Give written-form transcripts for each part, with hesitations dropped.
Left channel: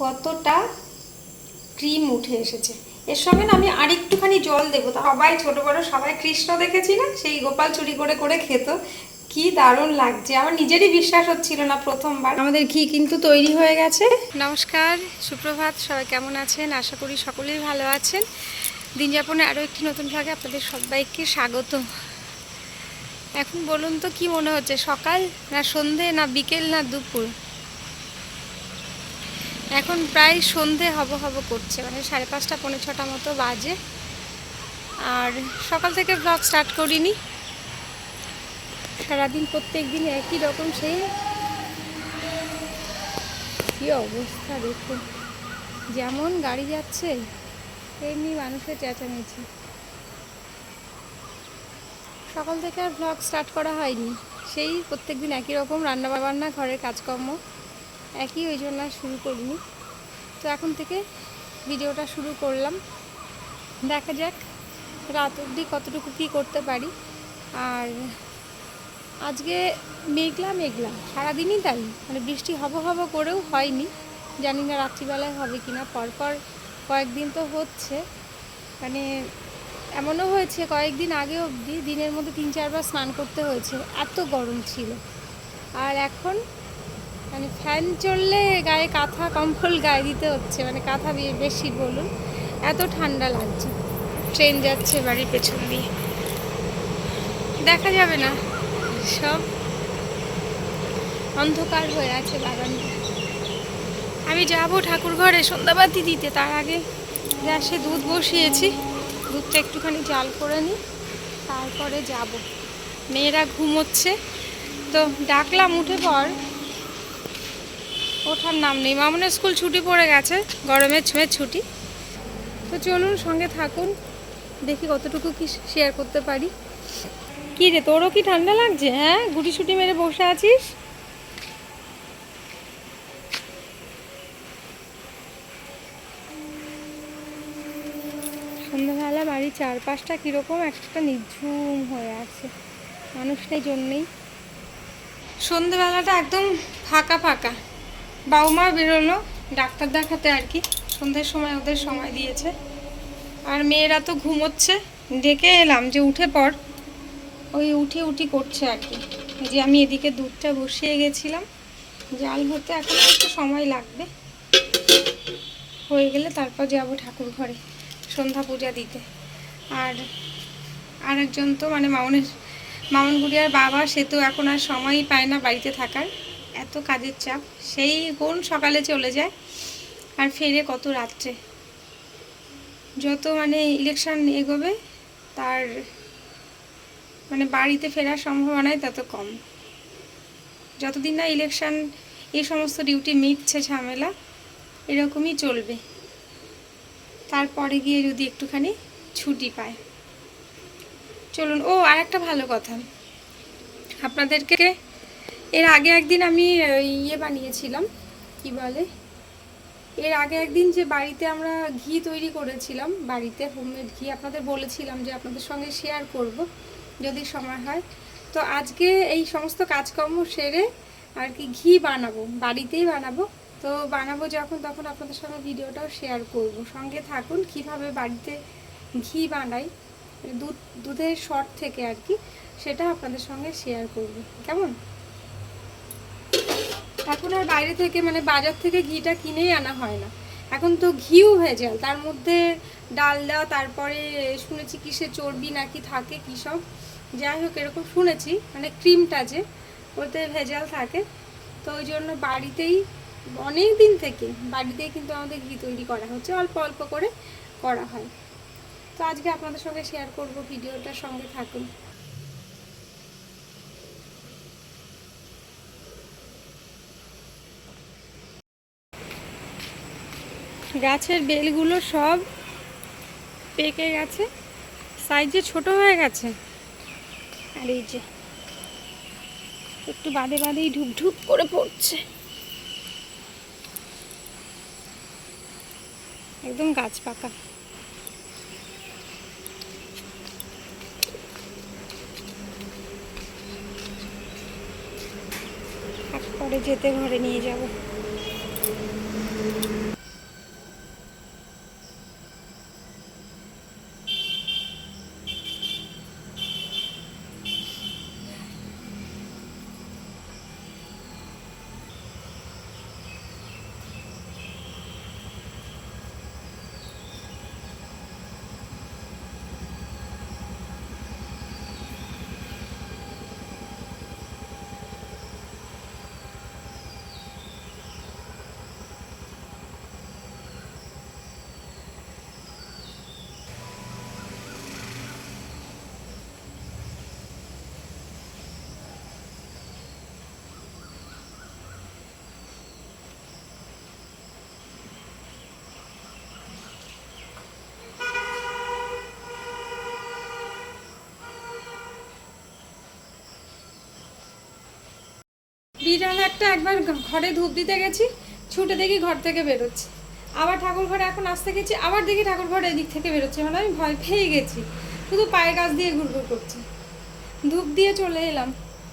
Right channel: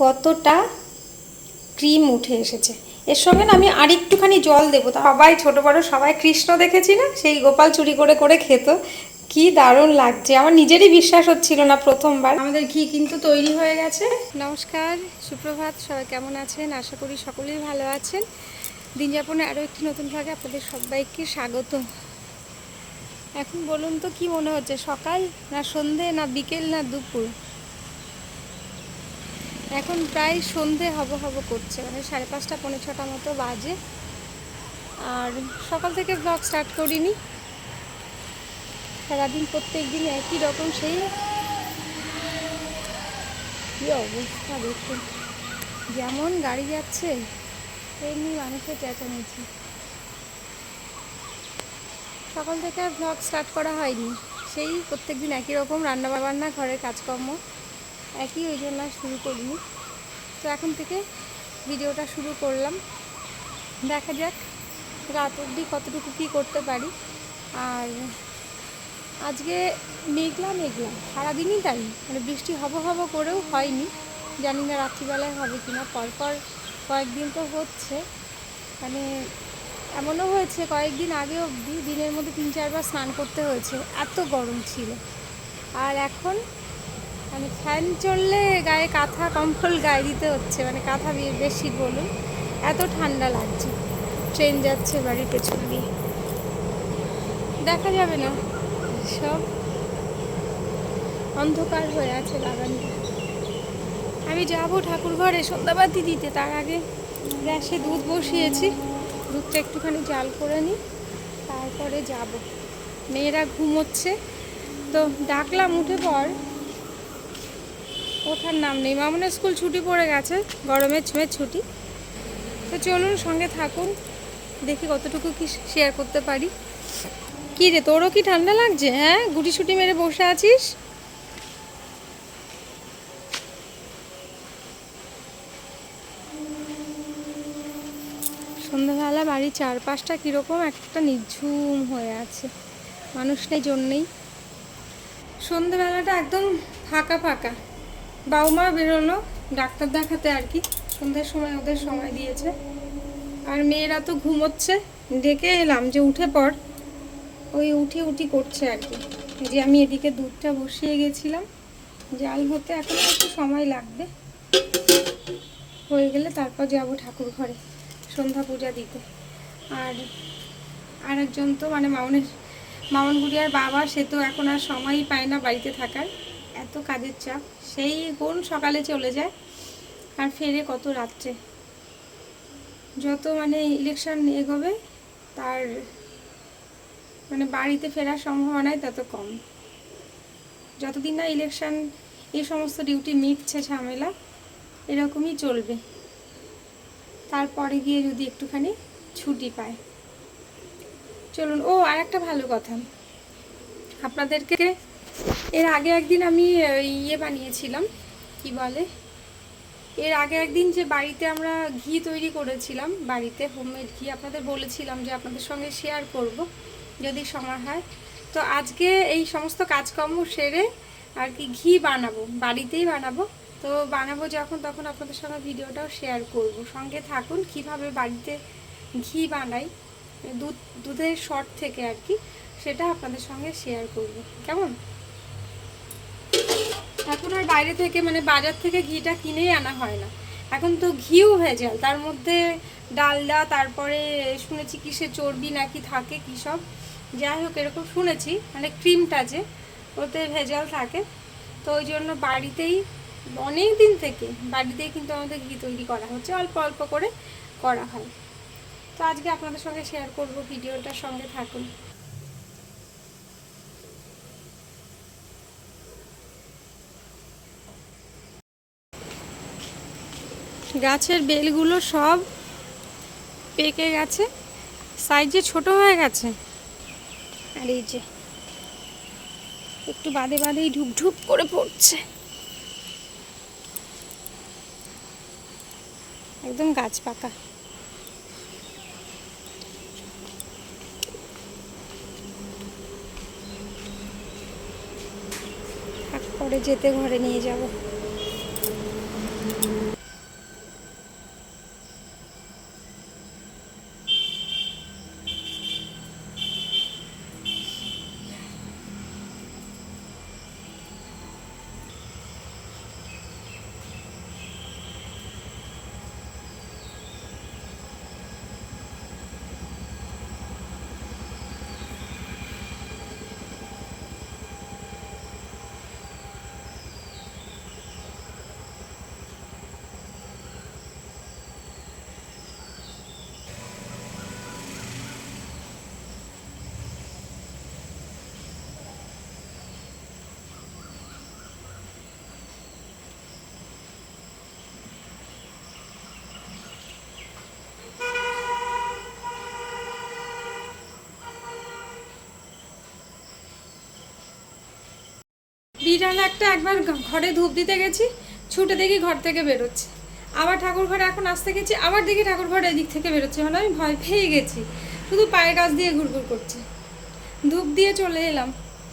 কতটা ক্রিম উঠে এসেছে। এর সঙ্গে না আমি আরেকটুখানি জল দেবো। সবাই ছোট বড় সবাই কৃষ্ণ দেখেছি না, সেই গোপাল চুরি করে করে খেত, কি দারুণ লাগছে। আমার নিজেরই বিশ্বাস হচ্ছিল না প্রথমবার। আমাদের ঘি কিন্তু তৈরি হয়ে গেছে। নমস্কার, সুপ্রভাত, সবাই কেমন আছেন? আশা করি সকলেই ভালো আছেন। দিন যাপনে আরও একটি নতুন ভাগে আপনাদের সবাইকে স্বাগত। এখন বলুন তো কি মনে হচ্ছে, সকাল না সন্ধে না বিকেল না দুপুর? এখন প্রায় সন্ধে হব হব করছে, মানে 5:30 পৌনে 6টা মতো বাজে। আর সকাল থেকে ব্লগ স্টার্ট করিনি। সারাদিন প্রত্যেক দিন একই রকম সেই কী অবস্থা দেখুন, যেমন গাড়ি যাচ্ছে তেমনি মানুষের চেঁচামেচি। সকাল থেকে আর ব্লগ স্টার্ট করা হয়নি, সেই প্রত্যেক দিন একই রকম রান্নাবান্না, ঘরের কাজকর্ম একই, ওই জন্য আর শুরু করিনি। তো এখন থেকে ভিডিওটা শুরু করলাম, দেখা যাক রাত অবধি কতটুকু কী করতে পারি। আর আজকে মেঘলা মেঘলা সারাদিনই তাই, মানে বৃষ্টি হব হব করেও হয়নি, জানি না রাত্রিবেলায় হবে কি না। পরপর কয়েকদিন তো হচ্ছে, মানে এমনও হয়েছে কয়েকদিন আগে অবধি দিনের মধ্যে 3-4 বার স্নান করতে হয়েছে, এত গরম ছিল। আর এখন মানে ফ্যান চললে গায়ে কাঁথা কম্বল গায়ে দিতে হচ্ছে, মানে কাঁথা বেশি বলুন, এত ঠান্ডা লাগছে। ট্রেন যাচ্ছে বাড়ির পেছন দিয়ে, দেখা যাবে না, সব অন্ধকার হয়ে আছে বাগানটা। আমি যাব ঠাকুর ঘরে সন্ধ্যাবাতি দিতে, তার আগে গ্যাসে দুধ বসিয়েছি, দুধটা একটুখানি জাল করে নিই, তারপরে যাব। মেয়েরা ঘুমোচ্ছে, তো ডাকলাম উঠে পর, ওঠার নাম নেই। মামুনের স্কুল ছুটি পড়ে গেছে, গরমের ছুটি। তো চলুন সঙ্গে থাকুন, দেখি কতটুকু কি শেয়ার করতে পারি। কি রে, তোরও কি ঠান্ডা লাগছে? হ্যাঁ, গুটিসুটি মেরে বসে আছিস। সন্ধ্যাবেলা বাড়ির চারপাশটা কীরকম একটা নিঝুম হয়ে আছে, মানুষ নেই জন্যেই। সন্ধ্যেবেলাটা একদম ফাঁকা ফাঁকা। বাবা মা বেরোলো ডাক্তার দেখাতে আর কি, সন্ধ্যের সময় ওদের সময় দিয়েছে। আর মেয়েরা তো ঘুমোচ্ছে, ডেকে এলাম যে উঠে পড়, ওই উঠি উঠি করছে আর কি। এই যে আমি এদিকে দুধটা বসিয়ে গেছিলাম জাল হতে, এখন একটু সময় লাগবে, হয়ে গেলে তারপর যাব ঠাকুর ঘরে সন্ধ্যা পূজা দিতে। আর আরেকজন তো মানে মামন গুড়িয়ার বাবা, সে তো এখন আর সময়ই পায় না বাড়িতে থাকার, এত কাজের চাপ। সেই কোন সকালে চলে যায় আর ফেরে কত রাত্রে। যত মানে ইলেকশন এগোবে তার মানে বাড়িতে ফেরার সম্ভাবনাই তত কম। যতদিন না ইলেকশন এই সমস্ত ডিউটি মিটছে ঝামেলা, এরকমই চলবে। তারপরে গিয়ে যদি একটুখানি ছুটি পায়। চলুন, ও আর একটা ভালো কথা, আপনাদেরকে এর আগে একদিন আমি ইয়ে বানিয়েছিলাম, কি বলে, এর আগে একদিন যে বাড়িতে আমরা ঘি তৈরি করেছিলাম, বাড়িতে হোমমেড ঘি, আপনাদের বলেছিলাম যে আপনাদের সঙ্গে শেয়ার করব যদি সময় হয়। তো আজকে এই সমস্ত কাজকর্ম সেরে আর কি ঘি বানাবো, বাড়িতেই বানাবো। তো বানাবো যখন তখন আপনাদের সঙ্গে ভিডিওটাও শেয়ার করব, সঙ্গে থাকুন। কিভাবে বাড়িতে ঘি বানাই দুধের শর্ট থেকে আর কি, সেটা আপনাদের সঙ্গে শেয়ার করব, কেমন? এখন আর বাইরে থেকে মানে বাজার থেকে ঘিটা কিনেই আনা হয় না, এখন তো ঘিও ভেজাল, তার মধ্যে ডালডা, তারপরে শুনেছি কিসে চর্বি নাকি থাকে, কী সব, যাই হোক এরকম শুনেছি, মানে ক্রিমটা যে ওতে ভেজাল থাকে। তো ওই জন্য বাড়িতেই অনেক দিন থেকে বাড়িতেই কিন্তু আমাদের ঘি তৈরি করা হচ্ছে, অল্প অল্প করে করা হয়। তো আজকে আপনাদের সঙ্গে শেয়ার করব, ভিডিওটার সঙ্গে থাকুন। গাছের বেলগুলো সব পেকে গেছে, সাইজে ছোট হয়ে গেছে। আর এই যে একটু বাদে বাদেই ঢুক ঢুক করে পড়ছে, একদম গাছ পাকা। পরে যেতে ঘরে নিয়ে যাব। বিড়াল একটা একবার ঘরে ধূপ দিতে গেছি, ছুটে দেখি ঘর থেকে বেরোচ্ছে। আবার ঠাকুর ঘরে এখন আসতে গেছি, আবার দেখি ঠাকুর ঘরে এদিক থেকে বেরোচ্ছে, মানে আমি ভয় পেয়ে গেছি, শুধু পায়ের কাছ দিয়ে ঘুরঘুর করছে। ধূপ দিয়ে চলে এলাম,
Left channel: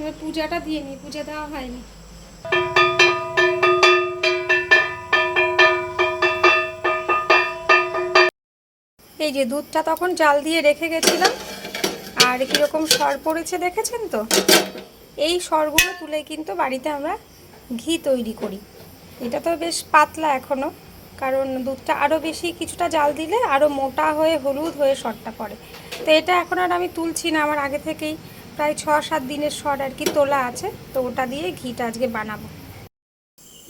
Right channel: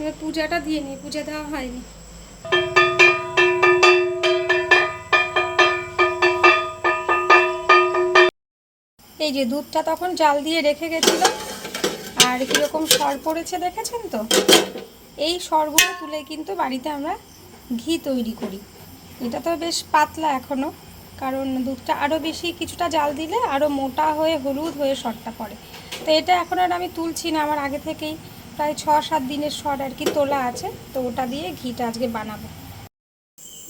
এবার পূজাটা দিয়ে নি, পূজা দেওয়া হয়নি। এই যে দুধটা তখন জাল দিয়ে রেখে গেছিলাম, আর কীরকম সর পড়েছে দেখেছেন তো। এই সরগুলো তুলে কিন্তু বাড়িতে আমরা ঘি তৈরি করি। এটা তো বেশ পাতলা এখনও, কারণ দুধটা আরও বেশি কিছুটা জাল দিলে আরও মোটা হয়ে হলুদ হয়ে সরটা পড়ে। তো এটা এখন আর আমি তুলছি না, আমার আগে থেকেই প্রায় 6-7 দিনের সর আর কি তোলা আছে, তো ওটা দিয়ে ঘিটা আজকে বানাবো।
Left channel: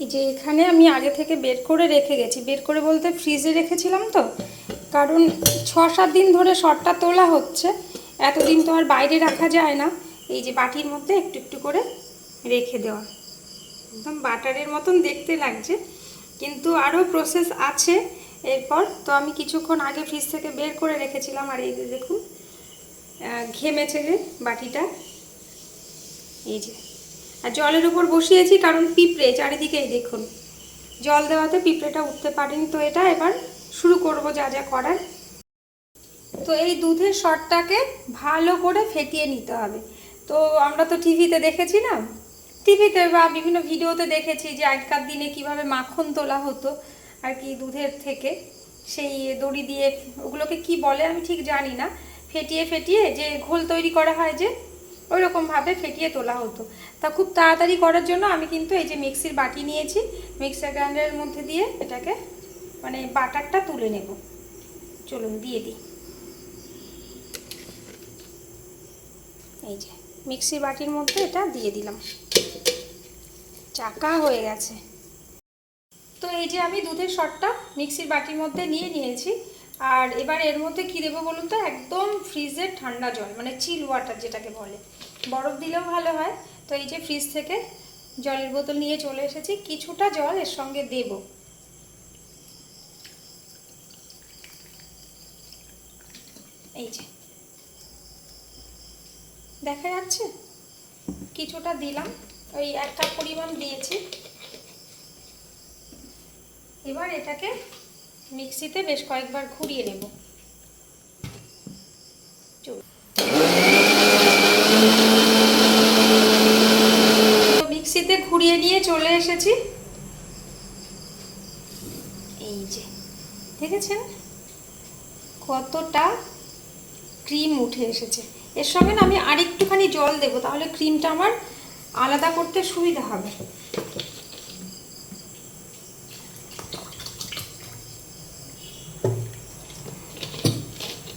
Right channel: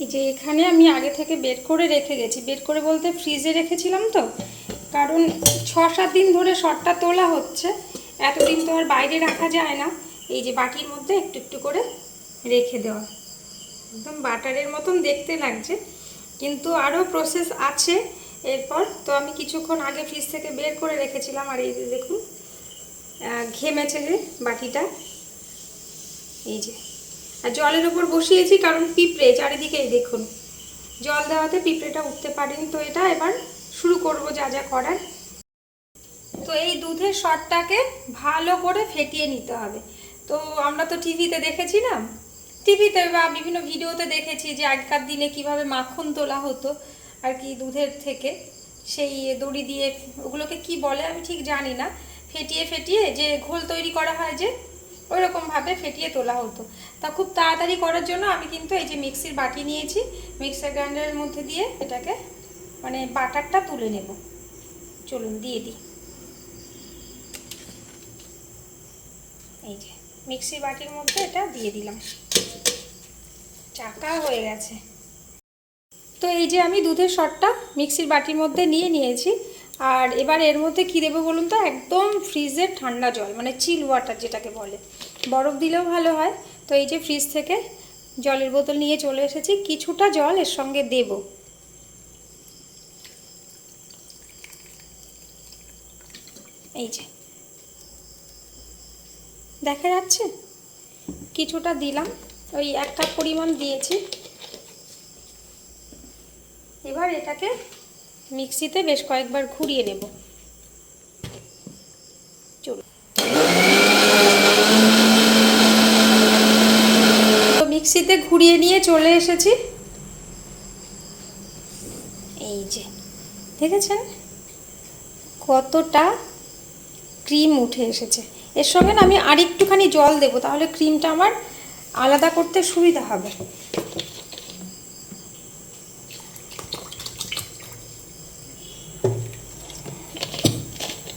এই যে এখানে আমি আগে থেকে বের করে রেখে গেছি, বের করে বলতে ফ্রিজে রেখেছিলাম তো, কারণ 6-7 দিন ধরে সরটা তোলা হচ্ছে, এতদিন তো আর বাইরে রাখা যায় না। এই যে বাটির মধ্যে একটু একটু করে রেখে দেওয়া, একদম বাটারের মতন দেখতে লাগছে, কিন্তু আরও প্রসেস আছে এরপর। তো আমি কিছুক্ষণ আগে ফ্রিজ থেকে বের করে রেখেছিলাম, আর এই যে দেখুন ঘেমেছে যে বাটিটা, এই যে। আর জলের উপর বসিয়েছি কারণ পিঁপড়ে চারিদিকেই দেখুন, জল দেওয়াতে পিঁপড়েটা উঠতে পারেনি। তো এটা এবার শুরু করব যা যা করার। তো এই দুধের সরটাকে ভালো করে ফেটিয়ে নিতে হবে। তো আমরা তো টিভিতে দেখেছি না, টিভিতে বা বিভিন্ন ভিডিওতে দেখেছি যে আগেকার দিনে কিভাবে মাখন তোলা হতো আর কি দুধের থেকে, সেই দড়ি দিয়ে, ওগুলোকে কি বলে আমি ঠিক জানি না, ফেটিয়ে ফেটিয়ে যে ঘোল তৈরি করা হয় যে, ওই রকমভাবে ফেটিয়ে তোলা হতো। তা খুব তাড়াতাড়ি করার জন্য আমি কিন্তু এই যে মিক্সির বাটি নিয়েছি, মিক্সার গ্রাইন্ডারের মধ্যে দিয়ে এটাকে মানে বাটারটা তুলে নেব। চলুন দিয়ে দিই। এই যে মিক্সির বাটির মধ্যে এটা দিয়ে দিলাম, চাকা হয়ে গেছে। তো এই যে আমি দুধের সরটা মিক্সির বাটির মধ্যে নিয়ে নিয়েছি, আর এবার এর মধ্যে কী দেবো বলুন তো, একদম ফ্রিজের ঠান্ডা জল, মানে চিল ওয়াটার যেটাকে বলে, বরফ দিলেও ভালো হয়। তো এই যে ফ্রিজ থেকে জলের বোতল নিয়ে চলে এসেছি, কিছুটা জল এর সঙ্গে দেব। এই যে দেখা যাচ্ছে, কিছুটা দিলাম, ওই 1 কাপ পরিমাণ দিয়েছি। এবার এটাকে মিক্সিতে বেশ কয়েকবার ঘুরিয়ে নেব। চলুন, মিক্সিতে ঘুরিয়ে নিয়ে চলে এসেছি। এই যে দেখেছেন কতটা ক্রিম উঠে এসেছে। এর সঙ্গে না আমি আর একটুখানি জল দেবো, তাহলে ক্রিমটা আমার আলাদা করতে সুবিধা হবে।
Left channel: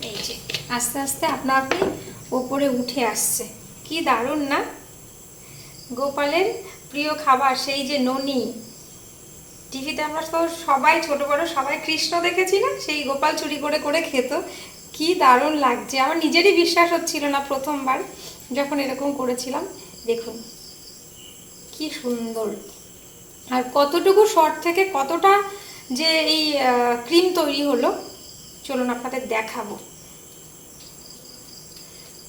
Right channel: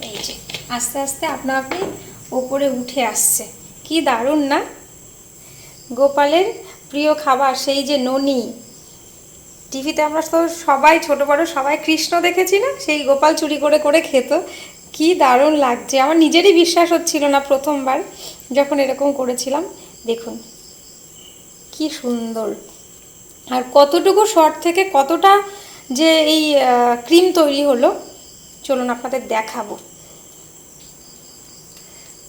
এই যে আস্তে আস্তে আপনা আপনি ওপরে উঠে আসছে, কি দারুণ না। গোপালের প্রিয় খাবার সেই যে ননি, টিভিতে আমরা তো সবাই ছোট বড় সবাই কৃষ্ণ দেখেছি না, সেই গোপাল চুরি করে করে খেত, কি দারুণ লাগছে। আমার নিজেরই বিশ্বাস হচ্ছিল না প্রথমবার যখন এরকম করেছিলাম। দেখুন কি সুন্দর, আর কতটুকু শর্ট থেকে কতটা যে এই ক্রিম তৈরি হলো, চলুন আপনাদের দেখাবো।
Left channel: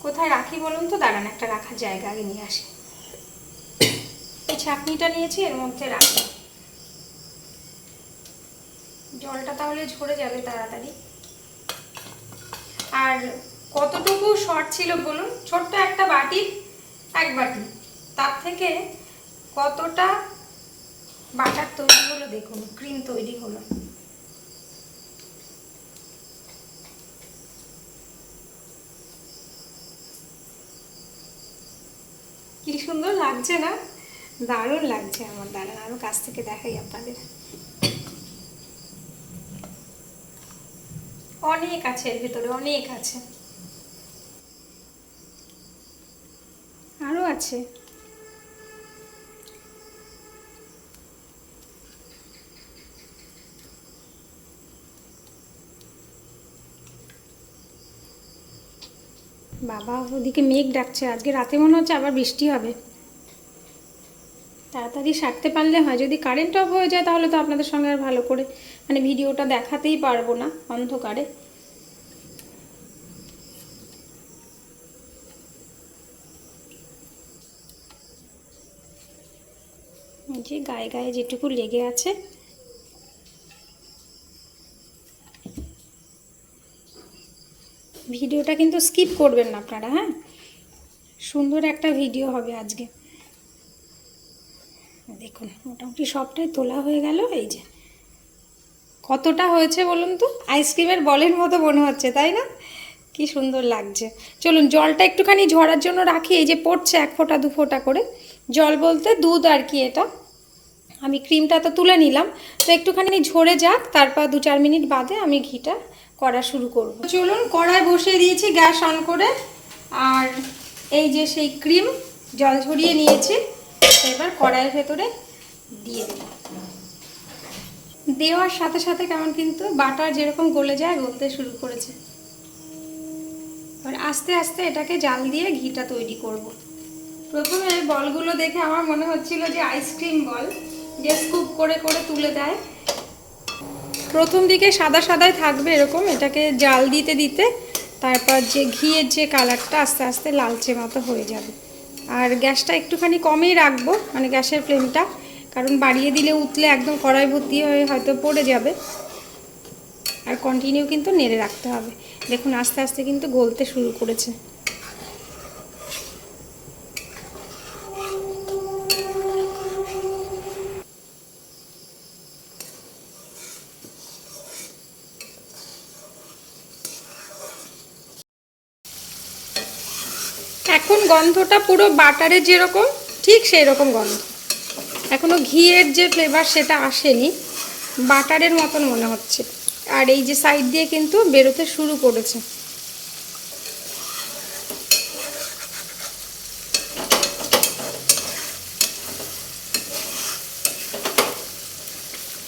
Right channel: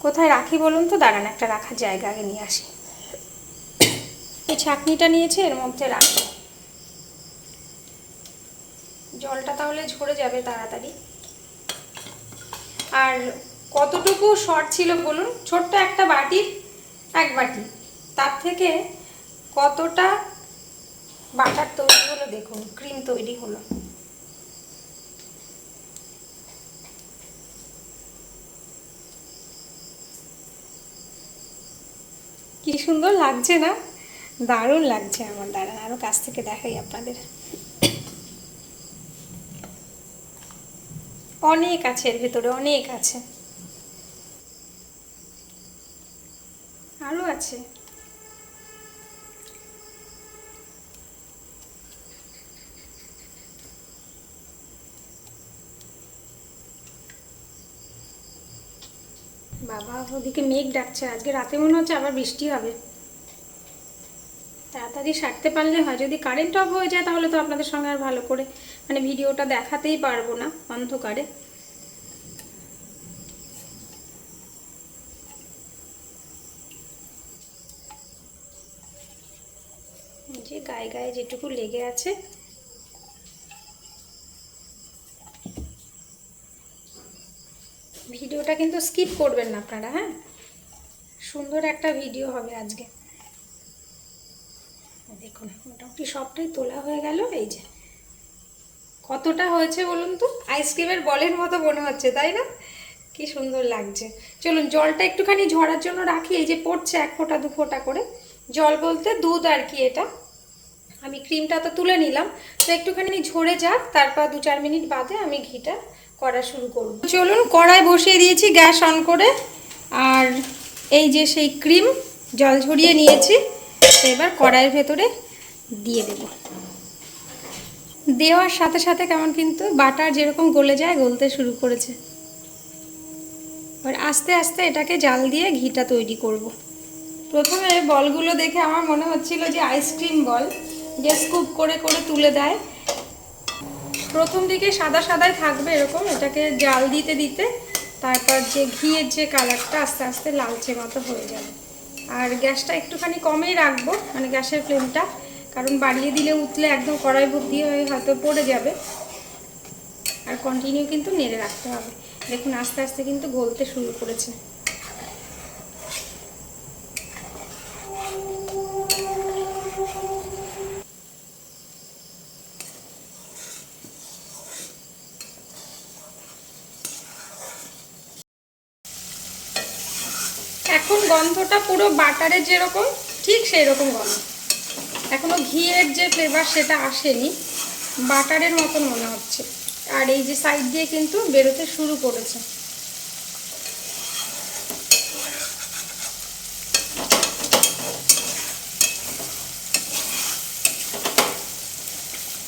কোথায় রাখি বলুন তো, দাঁড়ান একটা রাখার জায়গা আগে নিয়ে আসি। এই ছাঁকনিটা নিয়েছে, এর মধ্যে রাখি, জলটা তাহলে ঝরে যাবে তাড়াতাড়ি। আর কতটুকু শর্ট ছিল বলুন, ছোট্ট একটা বাটির 1 বাটি, তার থেকে কতটা বাটার তৈরি হলো দেখুন, ক্রিম তৈরি হলো। কি সুন্দর লাগছে না, দারুণ লাগছে আমার। দাঁড়ান আরো কাছ থেকে দেখাই আপনাদের, অনেক আছে এর ভেতরে, অনেক আছে, আরো আছে। বাবা ওদিকে মেঘ ডাকছে, আজকে রাতে মনে হচ্ছে আবার বৃষ্টি হবে। তাড়াতাড়ি সারতে পারলে হয়, যদি কারেন্ট অফ হয়ে যায় তাহলে তো আপনাদের সঙ্গে আর ভালো করে মানে ভিডিওটা দেখাতেই পারবো না অন্ধকারে। যে গায়ে গায়ে যেটুকু লেগে আছে ভিডিওটা কিন্তু স্কিপ করবেন না আপনারা, হ্যাঁ, সুন্দর একটা ভিডিও হবে আজকে। দেখুন মোটামুটি সবটাই তোলা হয়ে গেল। এই যে কতটা হয়েছে বলুন তো, আইসক্রিমের বলের মতো মনে হচ্ছে, তাই না? কি সুন্দর লাগছে। চলুন জলটা একটুখানি ঝরার জন্য রাখি। এই যে পড়ছে 1 ফোঁটা 2 ফোঁটা করে জল, বলতে দুধ আর কি। এটা আমি ক্রিমটা তো তুলে নিলাম, তো একটুখানি ঝরে যাক, তারপর 2-4 মিনিট বাদে আমি ঘিটা করা শুরু করব। চলুন কড়াই বসিয়ে দিয়েছি গ্যাস অন করে, আর এই যে সেই ক্রিম জল ঝরিয়ে নিয়েছি, এবার কড়াইয়ের ভেতরে দিয়ে দেব। দেওয়ার সাথে সাথে কেমন কিন্তু বাটার যেরকম গলে যায়, গলতে শুরু করেছে। এবার আস্তে আস্তে এটাকে জাল দিয়ে ঘিটা তৈরি করব। প্রথমে বলগুলো দেখে আমার মনে হচ্ছিল যে আইসক্রিম বল, যে স্কুপ করে করে তুলে দেয়। প্রথম দিকে সাদা সাদাই থাকবে এরকম, এটাকে জাল দিতে দিতে তারপর যে ঘিয়ের যে কালারটা আস্তে আস্তে লালচে মতো হয়ে যাবে। আর গ্যাসটা একটুখানি কমেই রাখবো, মানে গ্যাসের ফ্লেমটা, কারণ বাড়িয়ে দিলে উতলে একদম কড়াই ভর্তি হয়ে হয়তো পড়ে যাবে। আর কন্টিনিউ কিন্তু নেড়ে রাখতে হবে। দেখুন আস্তে আস্তে কিন্তু গলতে শুরু করেছে। এখন গন্ধটা পুরো বাটারের যেরকম, ঠিক সেই রকম গন্ধ। এখনো ঘিয়ের যে ফ্লেভার সেটা আসেনি, বাটারের মতন মনে হচ্ছে। আর এই যে সাইড দিয়ে কিন্তু বেরোতে শুরু করেছে।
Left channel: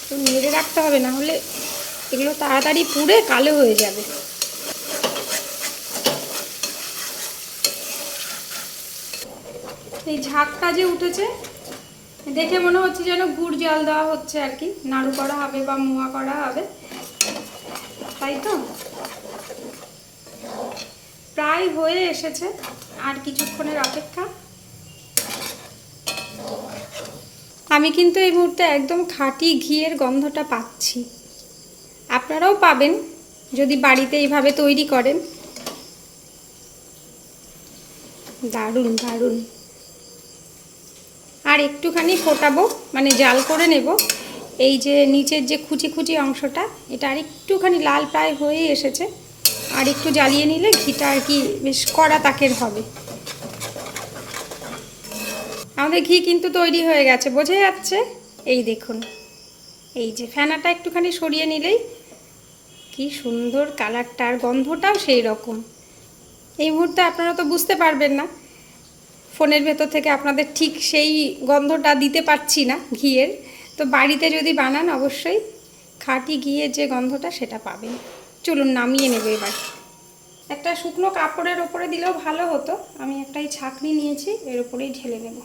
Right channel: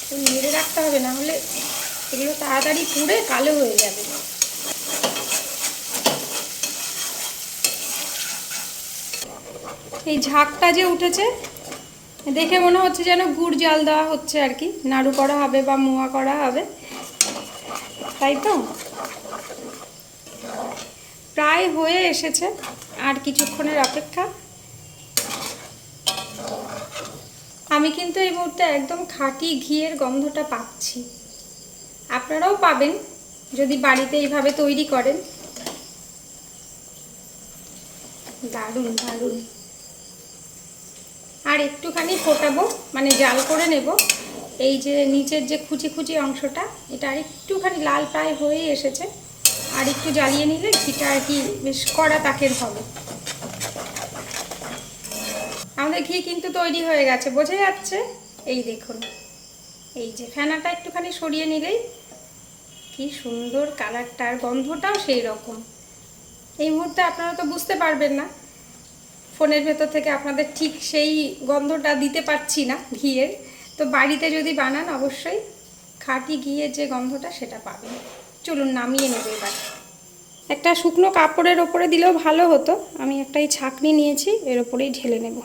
তো নেড়ে রাখতে হবে, না হলে এগুলো তাড়াতাড়ি পুড়ে কালো হয়ে যাবে। এই ঝাঁকটা যে উঠেছে দেখে মনে হচ্ছে যেন গুড় জল দেওয়া হচ্ছে আর কি, নাড়ু করা হবে বা মোয়া করা হবে, তাই তো। প্রায় হয়ে এসেছে, আর কিছুক্ষণের অপেক্ষা। আমি কিন্তু এই মুহূর্তে একদম খাঁটি ঘিয়ের গন্ধটা পাচ্ছি। আপনারাও পাবেন যদি বাড়িতে এইভাবে তৈরি করেন। দারুণ দারুণ। আর একটুখানি ফোটাবো, মানে জাল করে নেব। এই যে নিচের যে কুচি কুচি অংশটা, এটা আর একটুখানি লাল প্রায় হয়ে এসেছে। আর একটু জ্বালিয়ে নিলে ঘিটা আর কি বেশ কড়া তাকের হবে। আমাদের ঘি কিন্তু তৈরি হয়ে গেছে, বোঝা যাচ্ছে। এই দেখুন, এই যে ফেনাটা একটুখানি সরিয়ে নিলেই কি সুন্দর কালারটা, আর গন্ধটাও সেই রকম। এই মুহূর্তে আপনারা তো বুঝতে পারবেন না, ফোনের ভেতর থেকে আপনাদের ঠিক সেই গন্ধটা দিতে পারছি না ঘিয়ের। তো বাড়িতে যদি বানান অবশ্যই খাঁটি ঘিয়ের যে গন্ধটা সেটা পাবেন। চলুন নামিয়ে নেবে এবার। একটা শুকনো কাপড়ের ওপরে দিলেও ভালো হতো, আমি একটা এই ছাঁকনি নিয়েছি, এর ওপরেই ঢেলে নেব।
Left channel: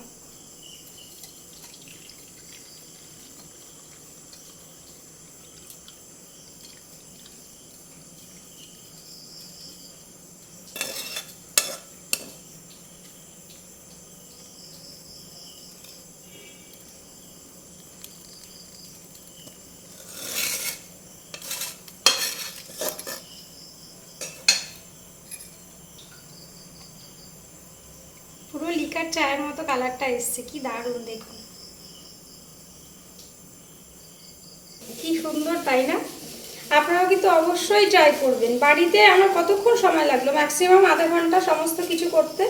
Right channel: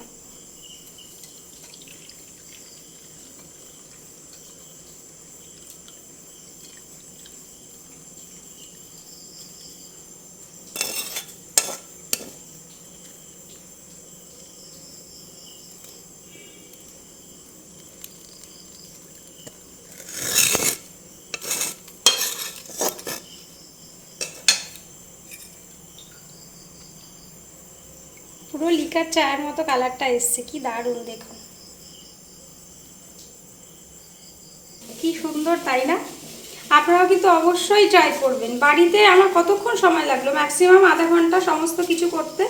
পুরো লিকার চায়ের মতো কালারটা এসছে, কি দারুণ দেখুন, কি সুন্দর, তাই না? আপনারাও কিন্তু অবশ্যই ট্রাই করবেন বাড়িতে। আমার কতক্ষণ সময় লাগলো, ম্যাক্সিমাম আধা ঘন্টা সমস্ত কিছু করতে।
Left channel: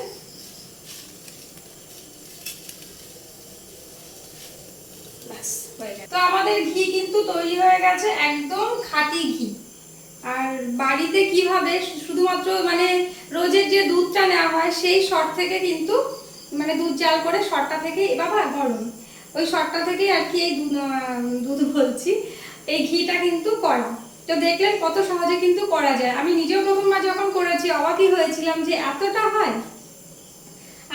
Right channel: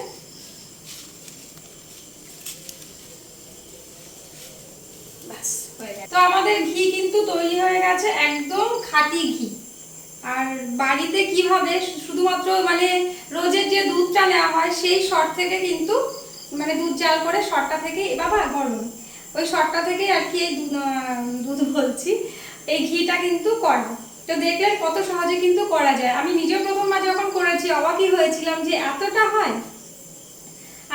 তো আমাদের ঘি কিন্তু তৈরি হয়ে গেছে, একদম খাঁটি ঘি। আর বাড়িতে কিভাবে শুধুমাত্র মানে রোজের যে দুধটা নেওয়া হয় সেই শট থেকে কিন্তু, মানে দুধ জাল করে শটটা থেকে, বাবা গরম, ওই শটটা থেকে আর কি এই দুধ বলছি, এই ঘিটা কিন্তু করা। তো দেখলেন কত সহজে কিন্তু করা যায়। আমি নিজেও প্রথমবার যখন করেছি অবাকই হয়েছিলাম যে এতটা হয়।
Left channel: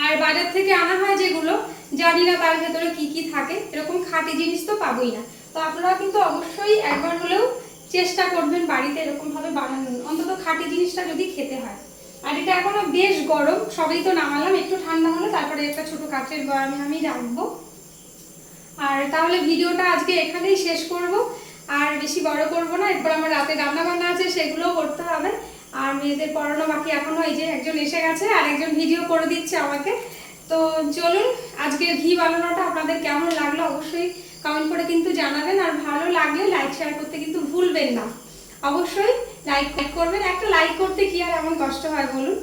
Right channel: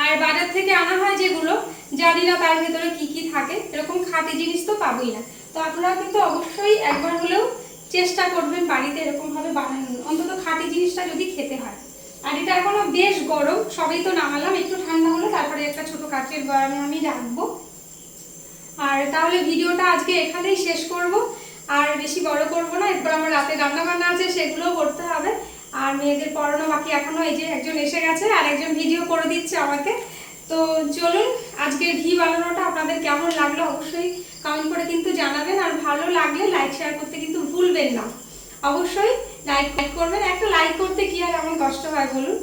আর বাজার থেকে আনা হয় যেগুলো, জানি না তার ভেতরে কি কি থাকে, এরকম খাঁটি জিনিস তো পাবোই না। তো আপনারা কিন্তু অবশ্যই একবার হলেও চেষ্টা করবেন বাড়িতে এরকম ভাবে বানানোর, অন্তত খাঁটি জিনিসটা যদি খেতে হয়। আর এটা এখনো বেশ গরম, সবেই তো নামালাম, একটু ঠান্ডা হলে তারপরে একটা ছোট কাঠের বয়ামে আমি রাখবো। আর তাহলে ভিডিওটা আজকে এখানেই শেষ করব, আর বেশি বড় করব না। এরপর আমার রাতে রান্না বান্না আছে, সেগুলোও করতে হবে, আর মেয়েদের পড়ানো বাকি এখনো। এই যে একজন এসে গেছে আর একজন ভিডিও করে দিচ্ছে আমাকে। তো চলুন, আজকের ঘি বানানোটা আপনাদের কেমন লাগলো অবশ্যই কমেন্ট করে কিন্তু জানাবেন, আর ভালো লাগলে লাইক শেয়ার করতে কিন্তু ভুলবেন না। অবশ্যই লাইক করবেন, একটা লাইক করতে কি আর এমন কষ্ট হয় বলুন।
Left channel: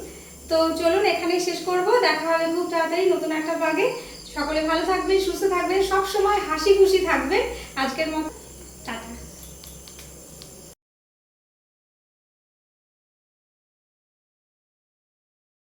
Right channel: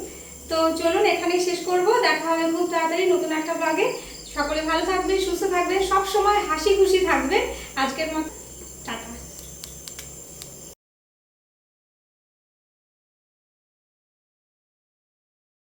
তো চলুন এখানেই শেষ করব, দেখা হবে খুব তাড়াতাড়ি নতুন একটা ব্লগে। সকলে ভালো থাকবেন, সুস্থ থাকবেন, সব সময় হাসি খুশি থাকবেন। আজকের মতো